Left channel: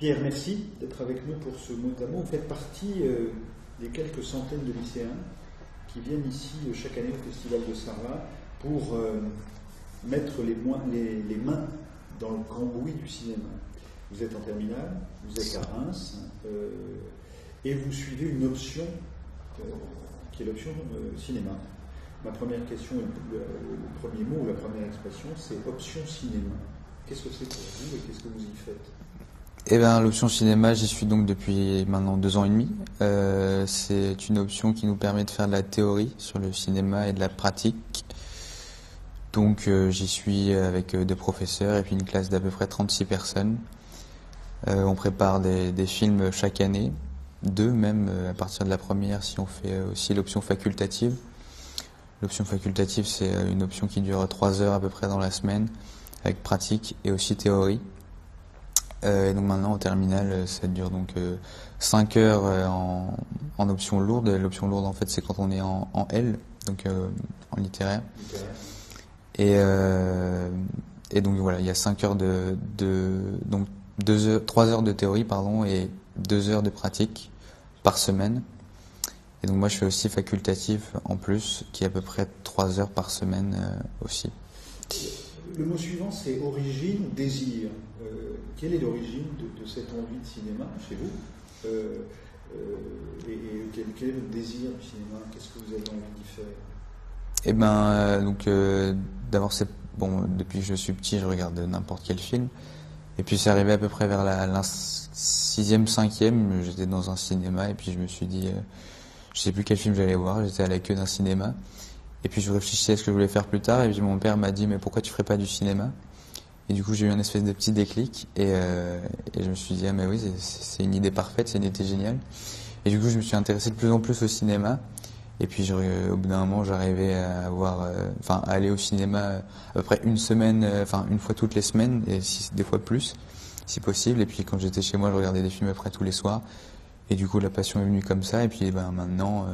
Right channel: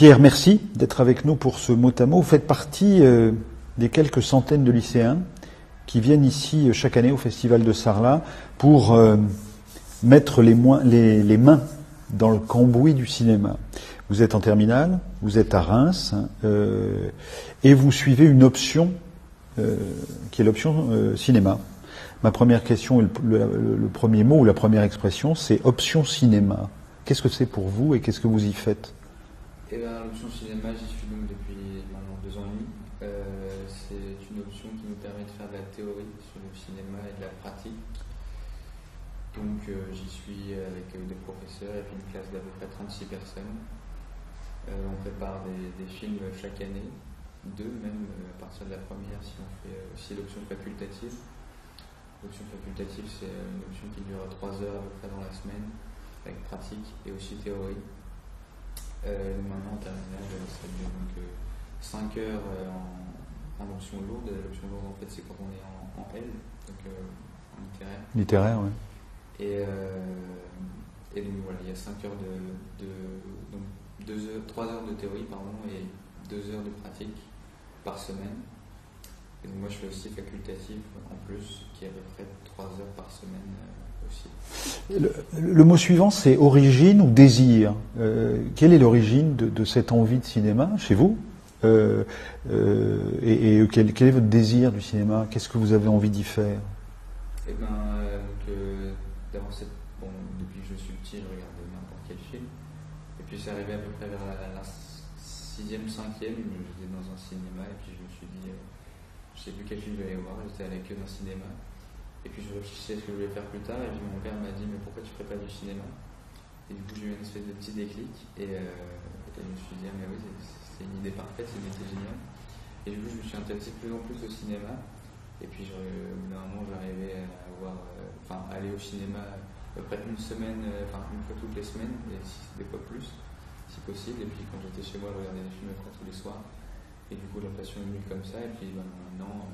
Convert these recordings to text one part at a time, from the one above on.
Pierre, merci d'être avec nous pour ce mot à mot. Vous faites partie des quelques centaines de lycéens qui viennent ici chaque année au Festival de Sarlat pour mettre les mains dans le cambouis du cinéma. Vous êtes en terminale, vous êtes à Reims et vous suivez une option qui est l'option cinéma. Ma première question, le premier mot ou la première expression, c'est option cinéma. Qu'est-ce que c'est pour vous et qu'est-ce que vous y faites ? Eh bien, l'option cinéma, j'y suis donc depuis maintenant 2 ans et demi. C'est une option qui nous permet de faire de la théorie sur le cinéma et de la pratique. Donc j'y suis avec 2 professeurs et puis une classe d'à peu près 36 personnes. On prépare des films chaque année, 2 même à partir de la première si on fait aussi l'option facultative. L'option facultative, c'est une option qui dure 3 heures à peu près dans la semaine, avec pratique et aussi théorie. Et donc maintenant en terminale, ça dure donc 5 heures en option lourde. L'option lourde en fait c'est quand on est en L, donc en littéraire. Littéraire, oui. Et donc voilà, il y a 5 heures donc 3 heures de théorie pardon, et 2 heures de pratique par semaine. Et donc moi je fais aussi facultatif en plus, qui est à peu près 3 heures par semaine aussi. Le mot suivant c'est origine ou désir. Quelle est l'origine de cette envie de cinéma chez vous et quel est votre désir du cinéma? Qu'est-ce que vous avez envie d'y faire? Eh ben d'abord depuis que je suis petit je regarde n'importe quel film. Et puis c'est arrivé à peu près vers la 6e, 5e, j'étais dans un cinéma et puis je me suis dit... je sais plus quel film j'allais voir, j'étais à la queue d'un cinéma. Et puis je réfléchissais à ce que je voulais faire plus tard. Et puis mon père m'a dit, mais pourquoi tu ferais pas du cinéma? Et du coup j'ai eu un espèce de petit déclic. Et je me suis dit, ah mais oui, c'est une idée parfaite, c'est une idée géniale. Et du coup je me suis intéressé de plus en plus au cinéma. Et puis au bout d'un moment j'arrivais à à aller au cinéma à peu près une semaine, une fois toutes les semaines, et des fois plus, si possible. Et puis quand j'étais chez moi, je regardais des films à peu près tous les soirs. Et du coup, la passion est venue comme ça. Et puis maintenant,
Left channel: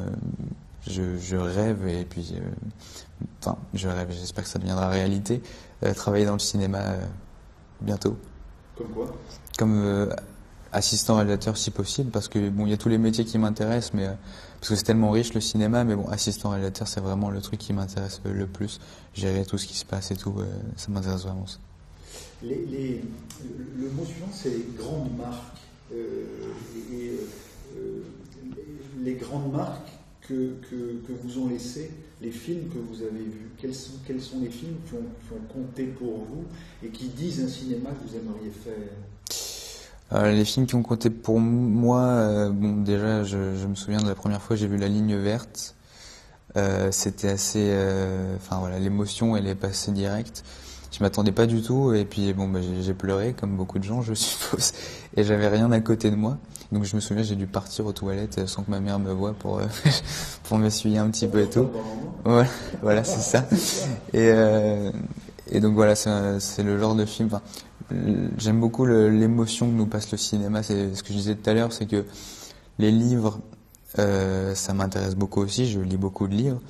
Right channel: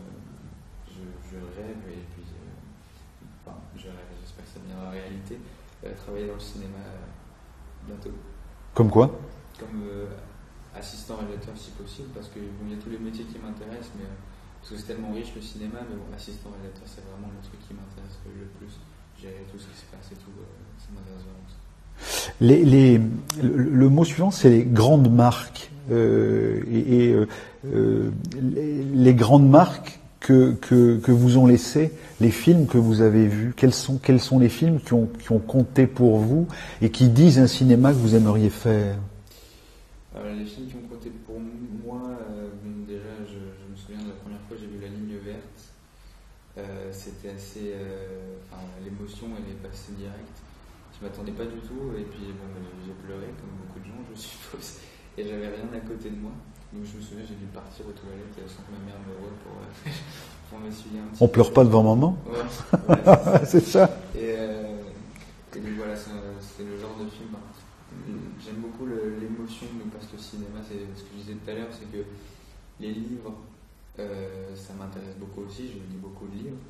je rêve. Et puis, je rêve. J'espère que ça deviendra réalité. Travailler dans le cinéma bientôt. Comme quoi? Comme assistant réalisateur, si possible. Parce que il y a tous les métiers qui m'intéressent, mais parce que c'est tellement riche le cinéma. Mais bon, assistant réalisateur, c'est vraiment le truc qui m'intéresse le plus. Gérer tout ce qui se passe et tout, ça m'intéresse vraiment. Ça. Le mot suivant, c'est les grandes marques. Les grandes marques que vous ont laissées, les films que vous avez vus, quels sont les films qui ont compté pour vous et qui disent un cinéma que vous aimeriez faire? Les films qui ont compté pour moi, déjà je me souviens de la première fois que j'ai vu La Ligne Verte. C'était assez... l'émotion elle est passée directe. Je m'attendais pas du tout et puis j'ai pleuré comme beaucoup de gens je suppose et j'avais rien à côté de moi, donc je me souviens j'ai dû partir aux toilettes sans que ma mère me voie pour m'essuyer un petit peu. On pleure pas devant maman. Ouais, voilà c'est ça. C'est ça. Et donc voilà c'est le genre de film. J'aime beaucoup l'émotion que nous passe le cinéma. C'est ce que je disais tout à l'heure, c'est que les livres ça m'intéresse beaucoup aussi, je lis beaucoup de livres.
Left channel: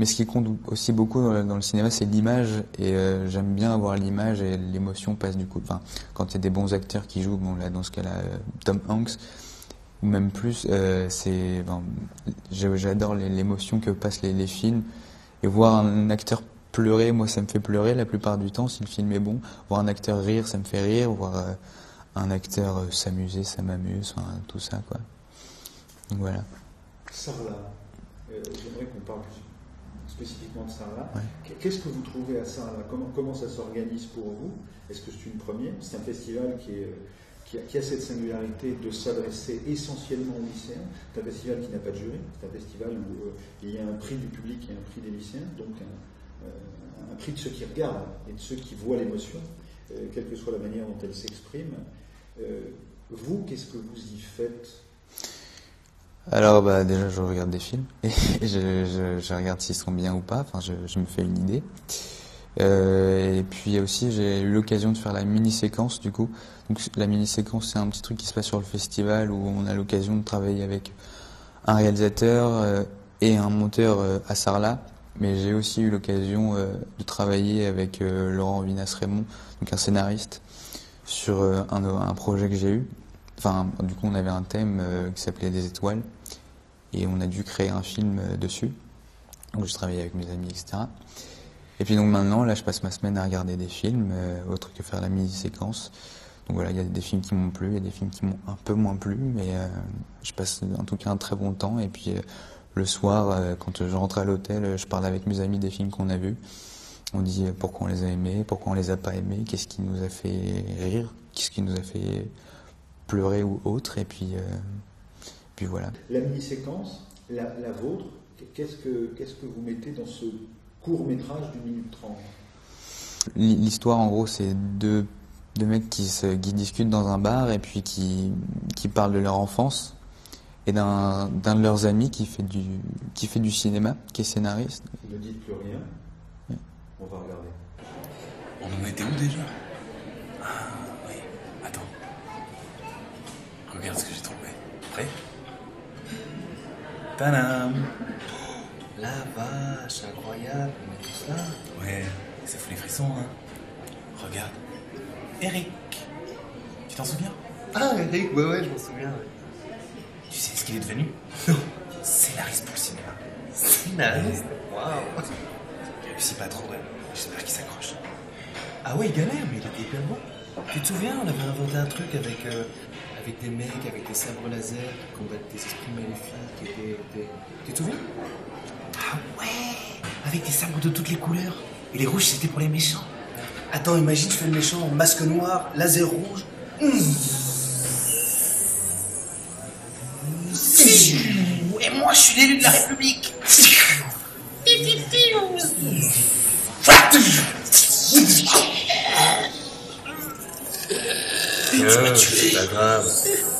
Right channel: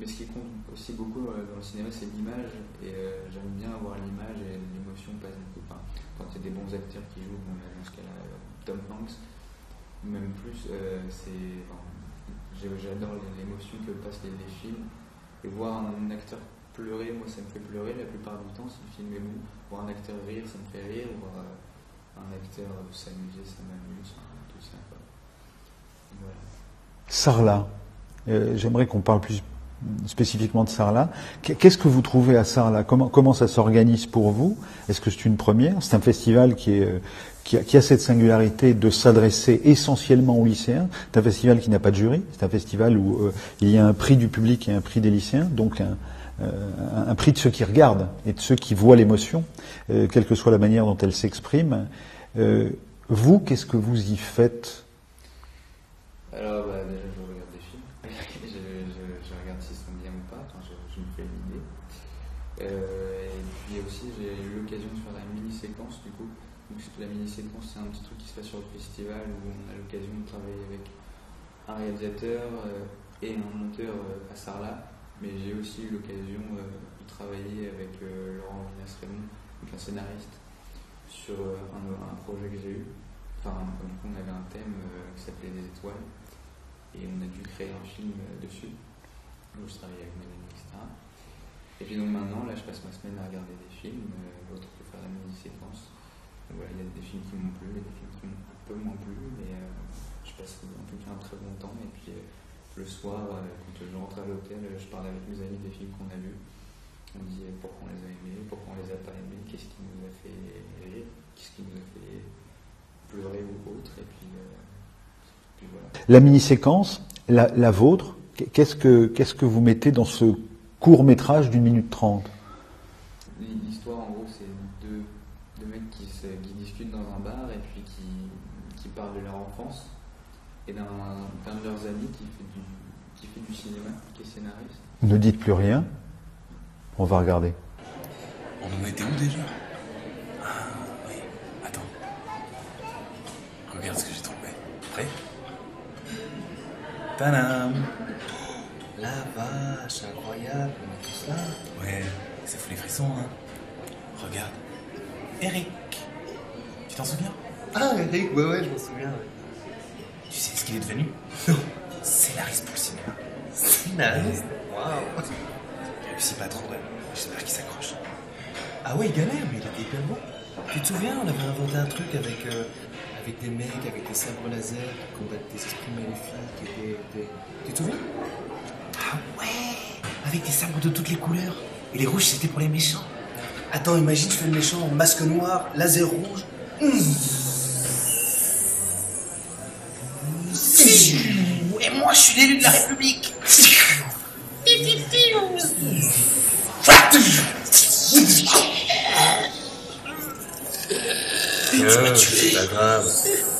Mais ce qui compte aussi beaucoup dans le cinéma, c'est l'image. Et j'aime bien avoir l'image et l'émotion passe du coup. Quand il y a des bons acteurs qui jouent, là dans ce cas-là, Tom Hanks, ou même plus, j'adore l'émotion que passent les films. Et voir un acteur pleurer, moi ça me fait pleurer la plupart du temps si le film est bon. Voir un acteur rire, ça me fait rire. Voir un acteur s'amuser, ça m'amuse. Tout ça, quoi. Donc voilà. Sarlat. J'aimerais qu'on parle plus spécifiquement de Sarlat. Qu'est-ce que vous trouvez à Sarlat? Comment ça s'organise pour vous? Est-ce que c'est une première? C'est un festival qui a cette singularité de s'adresser essentiellement aux lycéens. C'est un festival qui n'a pas de jury. C'est un festival où il y a un prix du public et un prix des lycéens, donc un prix de ceux qui regardent et de ceux qui voient l'émotion, quelle que soit la manière dont elle s'exprime. Vous, qu'est-ce que vous y faites? Alors déjà je regarde des films et je regarde s'ils sont bien ou pas, je me fais une idée. Et puis aussi j'ai eu l'occasion de faire la mini-séquence du coup. Donc la mini-séquence c'est un petit truc qui se passe sur le festival où on a l'occasion de travailler avec un réalisateur et un monteur à Sarlat. Mais j'ai aussi eu l'occasion de travailler avec Laurent Vinas-Raymond, donc un scénariste. sur un projet que j'ai eu. Enfin, du coup, on avait un thème qui s'appelait Des étoiles et on a dû créer un film dessus. Donc, je travaillais avec mes amis, etc. Et puis donc maintenant, là, je passe ma semaine à regarder des films, autre que faire la mini-séquence. Donc voilà, il y a des films qui m'ont plu, il y a des films qui m'ont un peu moins plu, mais je passe en tout cas un très bon temps. Et puis le soir, quand je rentre à l'hôtel, je parle avec mes amis des films qu'on a vus. On dit pourquoi on les a aimés, pourquoi on les a pas aimés, qu'est-ce qui nous a fait rire, qu'est-ce qui nous a fait pleurer ou autre. Et puis voilà. La mini-séquence, la vôtre, qu'est-ce que vous mettez dans ce court-métrage d'1 minute 30? L'histoire, en gros, c'est deux mecs qui discutent dans un bar et puis qui parlent de leur enfance et d'un de leurs amis qui fait du cinéma, qui est scénariste. Ne dites plus rien. On va regarder. On en était où déjà? Ah oui, attends. Regarde ce que j'ai trouvé. Prêt? Tadam! La vache, incroyable, on est tous là. Ouais, ça fout les frissons, hein. Regarde. Eric. Tu t'en souviens? Ah, Eric, ouais, je m'en souviens. Ouais. Tu sais ce qu'il est devenu? Non. Scénariste pour le cinéma. Scénariste? Waouh. Il réussit pas trop, ouais. J'espère qu'il s'accroche. Ah ouais, il galère, mais il était hyper bon. Tu te souviens, on avait inventé un truc avec des mecs, avec des sabres laser qui combattent des esprits maléfiques qui étaient... Tu te souviens? Ah ouais! Avec des sabres de toutes les couleurs. Et les rouges, c'était pour les méchants. Attends, imagine, je fais le méchant en masque noir, laser rouge. Et moi, je suis l'élu de la République. C'est pas grave,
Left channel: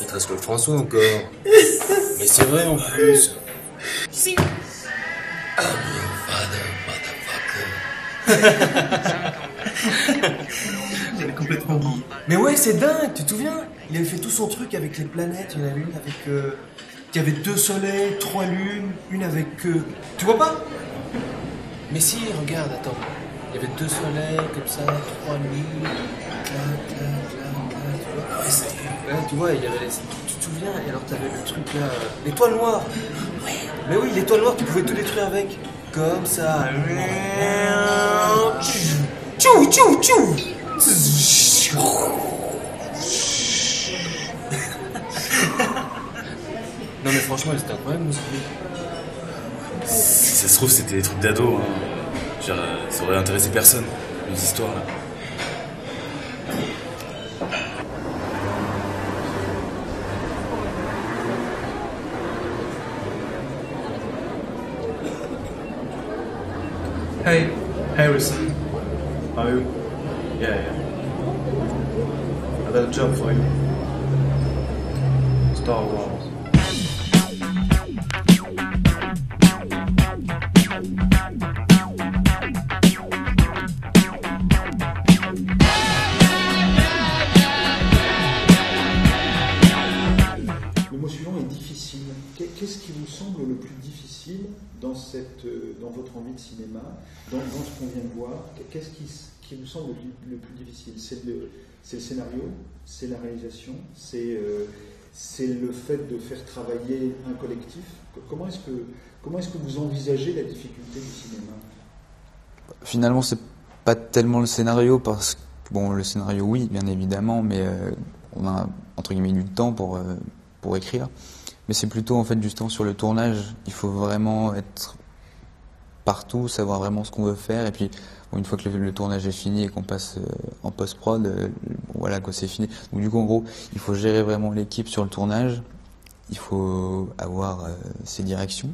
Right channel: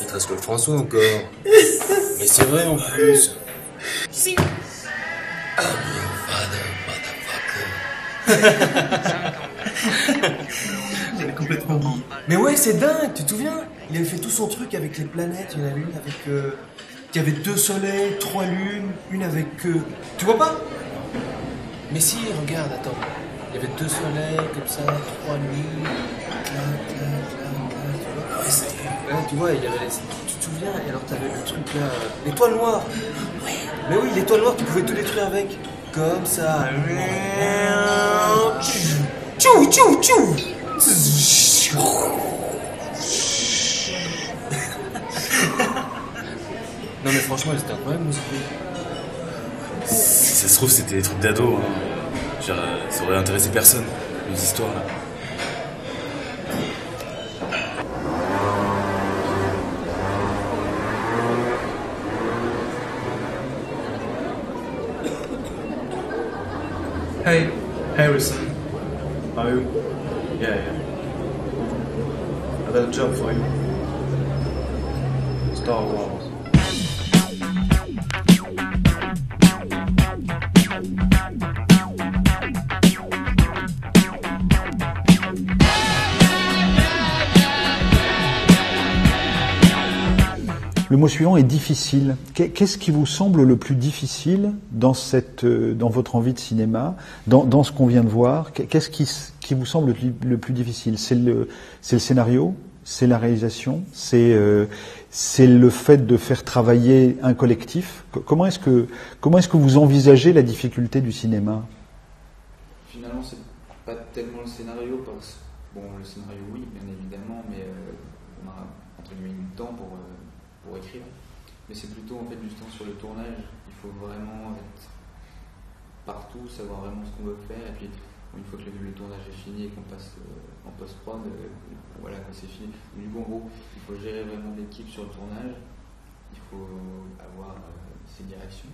il te reste Claude François encore. Mais c'est vrai en plus. J'avais complètement oublié. Mais ouais, c'est dingue, tu te souviens? Il avait fait tout son truc avec les planètes, il y en avait une avec... qui avait 2 soleils, 3 lunes, une avec... Tu vois pas? Mais si, regarde, attends. Il y avait 2 soleils, comme ça, 3 lunes... tu vois? Ah ouais, ça y est. Ouais, tu vois, il y avait les... Tu te souviens? Et alors t'avais le truc là... L'étoile noire. Ouais. Mais oui, l'étoile noire, tu pouvais tout détruire avec. Comme ça. Tchou, tchou, tchou. Non mais franchement, c'était incroyable, nous. Si ça se trouve, c'était des trucs d'ado. Hein. Genre, ça aurait intéressé personne, les histoires là. Hey, Harrison. How are you? Yeah. I got a job for you. Star Wars. Le mot suivant est difficile. Qu'est-ce qui vous semble le plus difficile dans votre envie de cinéma, dans ce qu'on vient de voir? Qu'est-ce qui vous semble le plus difficile? C'est le scénario? C'est la réalisation? C'est le fait de faire travailler un collectif? Comment est-ce que vous envisagez la difficulté du cinéma? Finalement, c'est pas tellement le scénario, parce que, bon, le scénario, oui, bien évidemment, mais on a, entre guillemets, du temps pour écrire. Mais c'est plutôt, en fait, justement, sur le tournage. Il faut vraiment être partout, savoir vraiment ce qu'on veut faire. Et puis, bon, une fois que le tournage est fini et qu'on passe en post-prod, voilà, quoi, c'est fini. Donc, du coup, en gros, il faut gérer vraiment l'équipe sur le tournage. Il faut avoir ses directions,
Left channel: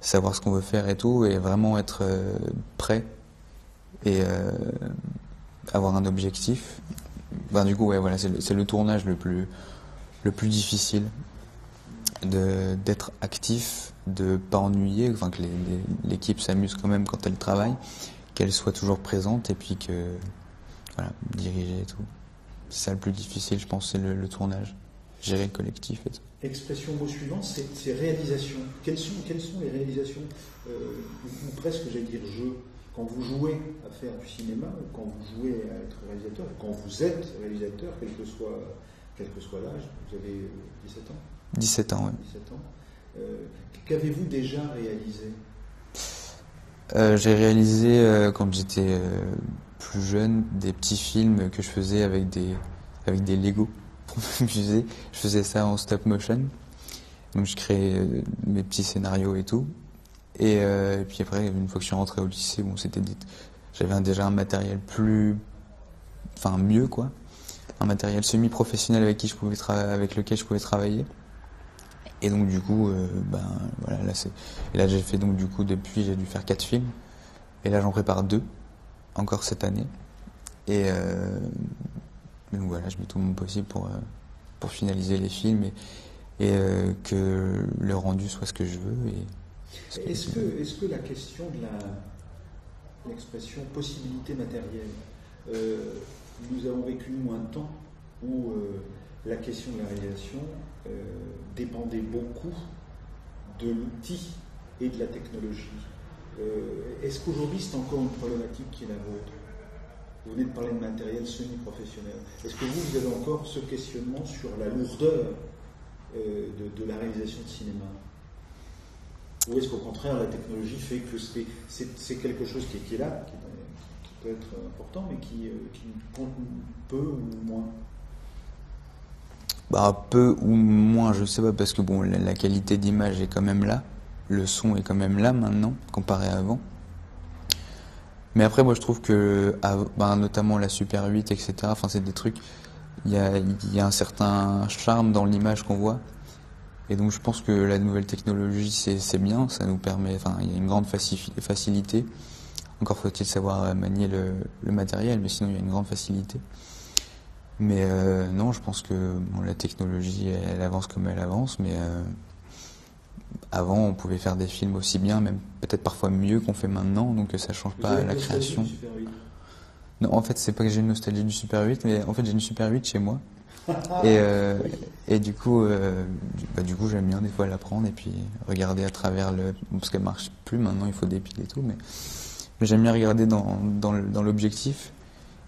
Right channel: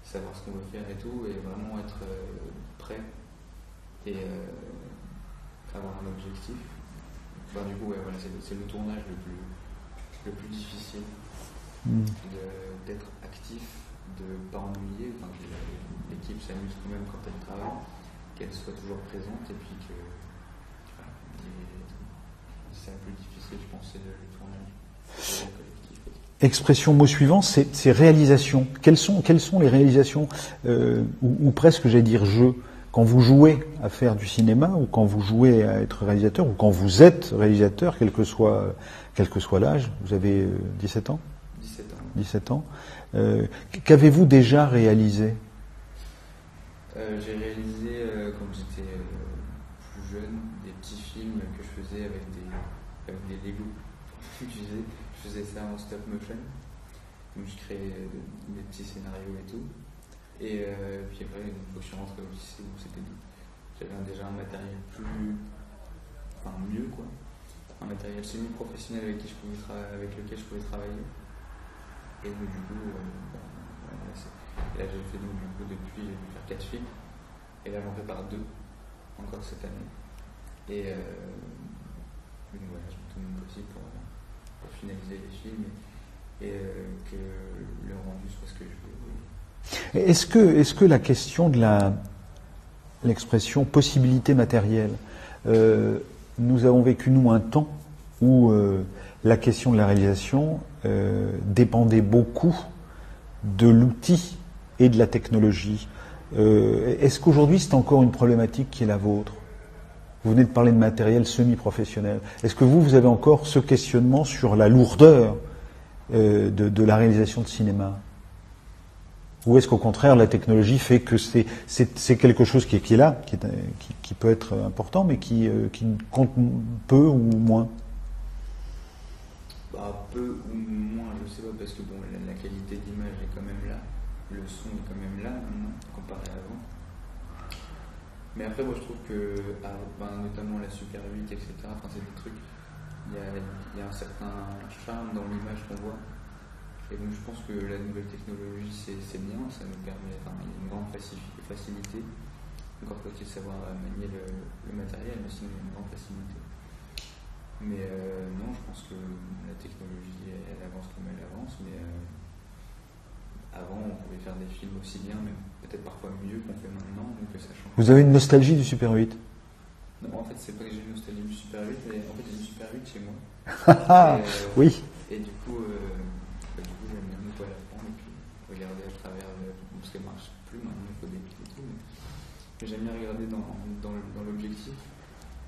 savoir ce qu'on veut faire et tout, et vraiment être prêt et avoir un objectif. Ben, du coup, ouais, voilà, c'est le tournage le plus difficile, d'être actif, de pas ennuyer, enfin que l'équipe s'amuse quand même quand elle travaille, qu'elle soit toujours présente, et puis que voilà, diriger et tout. C'est ça le plus difficile, je pense, c'est le tournage, gérer le collectif et tout. Expression, mot suivant, c'est réalisation. Quelles sont les réalisations, ou presque, j'allais dire, jeux, quand vous jouez à faire du cinéma, ou quand vous jouez à être réalisateur, ou quand vous êtes réalisateur, quel que soit l'âge, vous avez 17 ans 17 ans, oui. 17 ans. Qu'avez-vous déjà réalisé? J'ai réalisé, quand j'étais plus jeune, des petits films que je faisais avec des Lego pour m'amuser. Je faisais ça en stop motion. Donc je créais mes petits scénarios et tout. Et puis après, une fois que je suis rentré au lycée, bon, j'avais déjà un matériel mieux, quoi. Un matériel semi-professionnel avec lequel je pouvais travailler. Et donc du coup, voilà, là j'ai fait donc du coup depuis j'ai dû faire 4 films. Et là j'en prépare 2, encore cette année. Et donc voilà, je mets tout mon possible pour finaliser les films et que le rendu soit ce que je veux. Est-ce que la question de l'expression possibilité matérielle, nous avons vécu nous un temps où la question de la réalisation dépendait beaucoup de l'outil et de la technologie. Est-ce qu'aujourd'hui c'est encore une problématique qui est la vôtre? Vous venez de parler de matériel semi-professionnel. Est-ce que vous avez encore ce questionnement sur la lourdeur de la réalisation de cinéma? Ou est-ce qu'au contraire la technologie fait que c'est quelque chose qui est là, qui peut être important, mais qui compte peu ou moins? Peu ou moins, je sais pas, parce que bon, la qualité d'image est quand même là, le son est quand même là maintenant, comparé à avant. Mais après, moi je trouve que, notamment la Super 8, etc., c'est des trucs, il y a un certain charme dans l'image qu'on voit. Et donc je pense que la nouvelle technologie, c'est bien, ça nous permet, il y a une grande facilité. Encore faut-il savoir manier le matériel, mais sinon il y a une grande facilité. Mais non, je pense que la technologie, elle avance comme elle avance, mais avant, on pouvait faire des films aussi bien, même peut-être parfois mieux qu'on fait maintenant, donc ça change pas. Vous avez une nostalgie du Super 8? Non, en fait, c'est pas que j'ai une nostalgie du Super 8, mais en fait, j'ai une Super 8 chez moi. Oui. Et du coup, j'aime bien des fois la prendre et puis regarder à travers parce qu'elle marche plus maintenant, il faut des piles et tout, mais j'aime bien regarder dans l'objectif.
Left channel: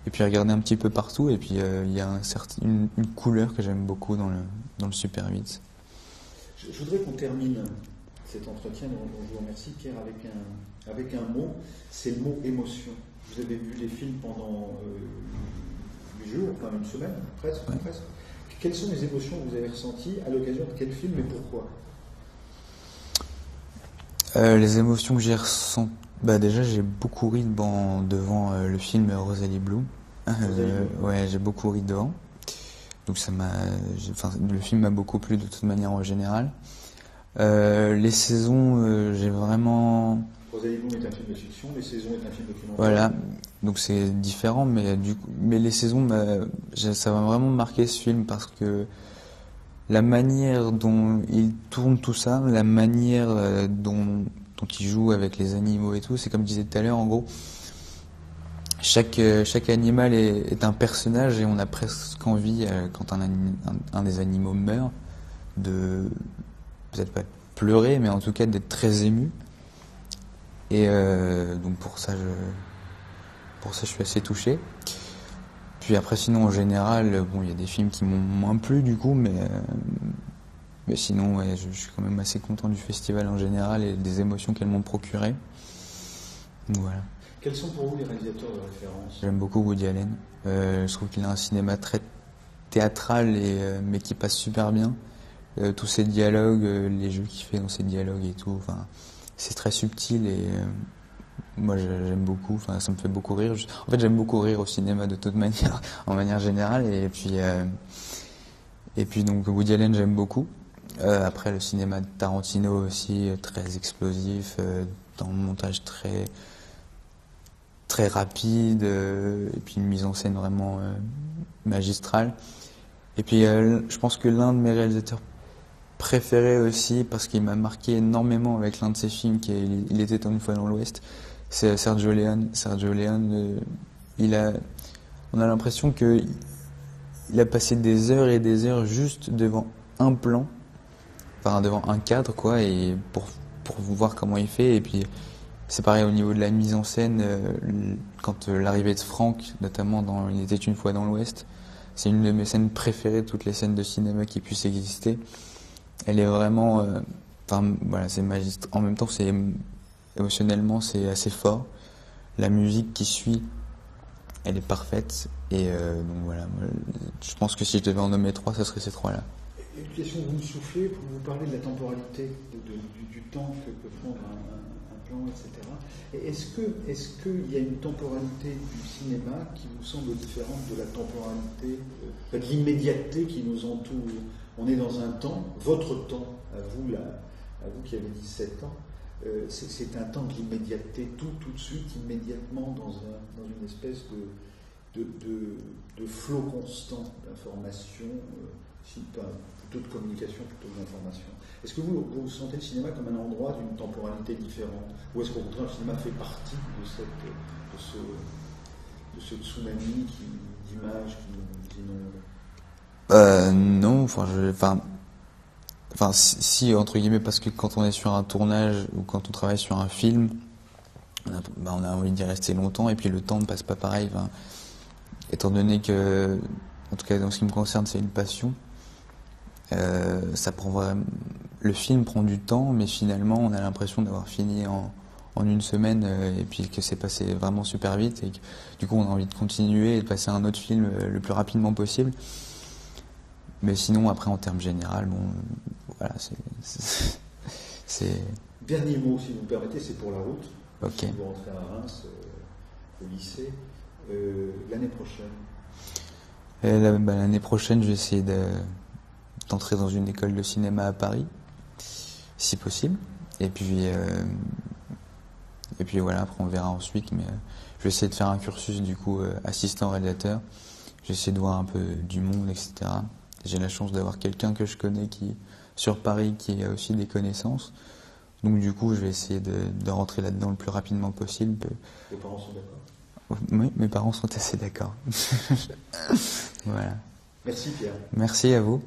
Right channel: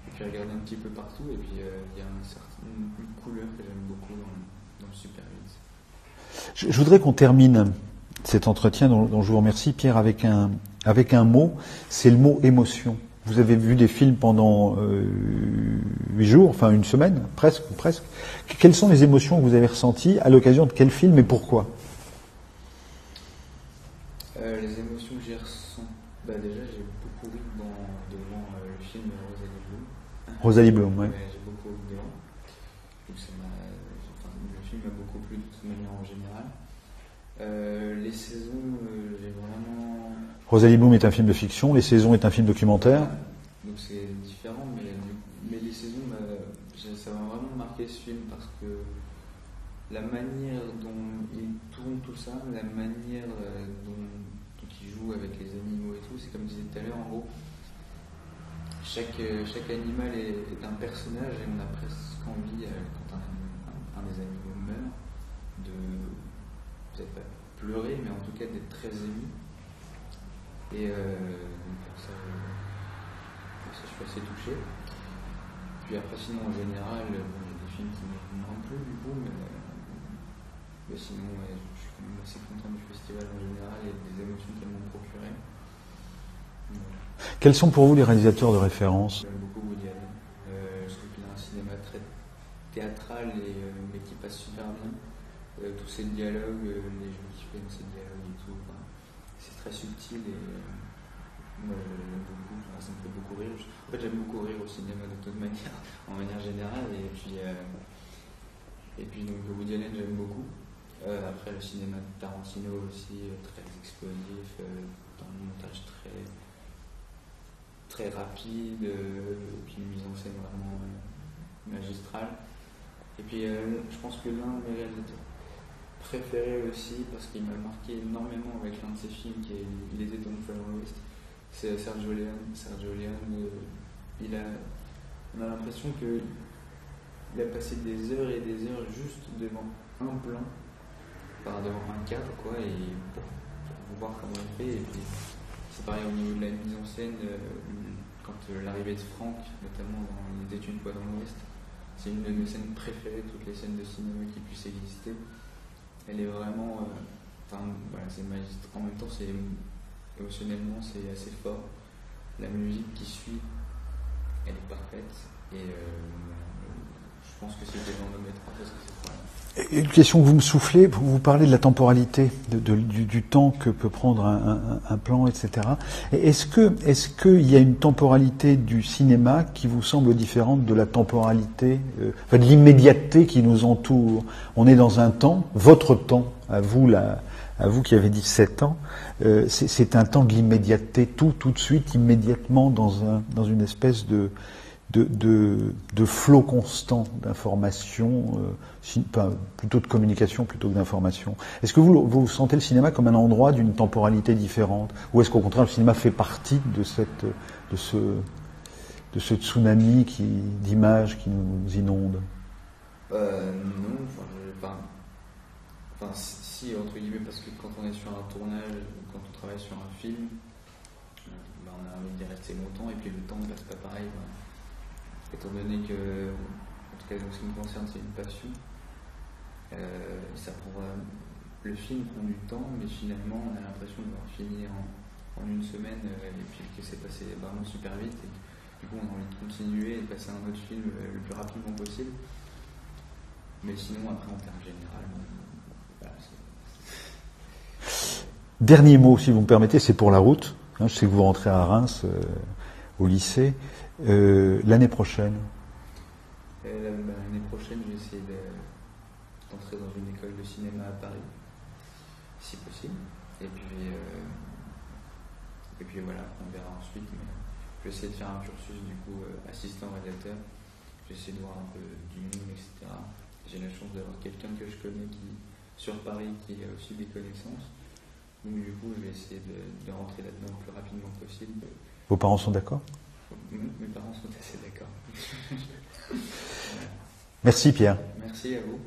Et puis regarder un petit peu partout, et puis il y a une couleur que j'aime beaucoup dans le Super 8. Je voudrais qu'on termine cet entretien dont je vous remercie, Pierre, avec un mot, c'est le mot émotion. Vous avez vu des films pendant 8 jours, enfin une semaine, presque. Quelles sont les émotions que vous avez ressenties à l'occasion de quel film et pourquoi? Les émotions que j'ai ressenties, déjà j'ai beaucoup ri devant le film Rosalie Bloom. Rosalie Bloom, ouais, j'ai beaucoup ri devant. Donc le film m'a beaucoup plu de toute manière en général. Les saisons, j'ai vraiment... Rosalie Bloom est un film de fiction, Les Saisons est un film documentaire. Voilà, donc c'est différent, mais Les Saisons, ça m'a vraiment marqué ce film parce que la manière dont il tourne tout ça, la manière dont il joue avec les animaux et tout, c'est comme je disais tout à l'heure, en gros, chaque animal est un personnage et on a presque envie, quand un des animaux meurt, de peut-être pas pleurer, mais en tout cas d'être très ému. Et donc pour ça je suis assez touché. Puis après sinon en général, il y a des films qui m'ont moins plu du coup, mais sinon ouais, je suis quand même assez content du festival en général et des émotions qu'elles m'ont procurées. Voilà. Quels sont pour vous les réalisateurs de référence? J'aime beaucoup Woody Allen. Je trouve qu'il a un cinéma très théâtral mais qui passe super bien. Tous ses dialogues, les jeux qu'il fait dans ses dialogues et tout, c'est très subtil et moi j'aime beaucoup, ça me fait beaucoup rire. En fait j'aime beaucoup rire au cinéma de toute manière, en manière générale, et puis donc Woody Allen j'aime beaucoup. Après le cinéma de Tarantino aussi, très explosif, dans le montage très rapide, et puis une mise en scène vraiment magistrale. Et puis je pense que l'un de mes réalisateurs préféré aussi, parce qu'il m'a marqué énormément avec l'un de ses films qui est Il était une fois dans l'Ouest, c'est Sergio Leone. Sergio Leone, on a l'impression qu'il a passé des heures et des heures juste devant un plan, devant un cadre quoi, et pour voir comment il fait, et puis C'est pareil au niveau de la mise en scène, quand l'arrivée de Franck, notamment dans Il était une fois dans l'Ouest, c'est une de mes scènes préférées, toutes les scènes de cinéma qui puissent exister. Elle est vraiment, voilà, c'est magistral. En même temps, c'est émotionnellement, c'est assez fort. La musique qui suit, elle est parfaite. Et donc voilà, je pense que si je devais en nommer 3, ce serait ces 3-là. Une question que vous me soufflez, vous parlez de la temporalité, du temps que peut prendre un plan, etc. Est-ce qu'il y a une temporalité du cinéma qui vous semble différente de la temporalité, de l'immédiateté qui nous entoure? On est dans un temps, votre temps, à vous qui avez 17 ans, c'est un temps de l'immédiateté, tout de suite, immédiatement, dans une espèce de flot constant d'informations, plutôt de communication plutôt que d'information. Est-ce que vous sentez le cinéma comme un endroit d'une temporalité différente, ou est-ce qu'au contraire le cinéma fait partie de ce tsunami d'images qui nous inonde? Non, si, entre guillemets, parce que quand on est sur un tournage ou quand on travaille sur un film, on a envie d'y rester longtemps, et puis le temps ne passe pas pareil. Étant donné que, en tout cas dans ce qui me concerne, c'est une passion, le film prend du temps, mais finalement on a l'impression d'avoir fini en une semaine, et puis que c'est passé vraiment super vite, et que, du coup on a envie de continuer et de passer à un autre film le plus rapidement possible. Mais sinon, après, en termes généraux, voilà, Dernier mot, si vous me permettez, c'est pour la route. Je sais que vous rentrez à Reims, au lycée. L'année prochaine? L'année prochaine, je vais essayer d'entrer dans une école de cinéma à Paris, si possible. Et puis voilà, après on verra ensuite. Mais je vais essayer de faire un cursus, du coup, assistant réalisateur. Je vais essayer de voir un peu du monde, etc. J'ai la chance d'avoir quelqu'un que je connais sur Paris qui a aussi des connaissances. Donc du coup, je vais essayer de rentrer là-dedans le plus rapidement possible. Vos parents sont d'accord? Oui, mes parents sont assez d'accord. Voilà. Merci Pierre. Merci à vous.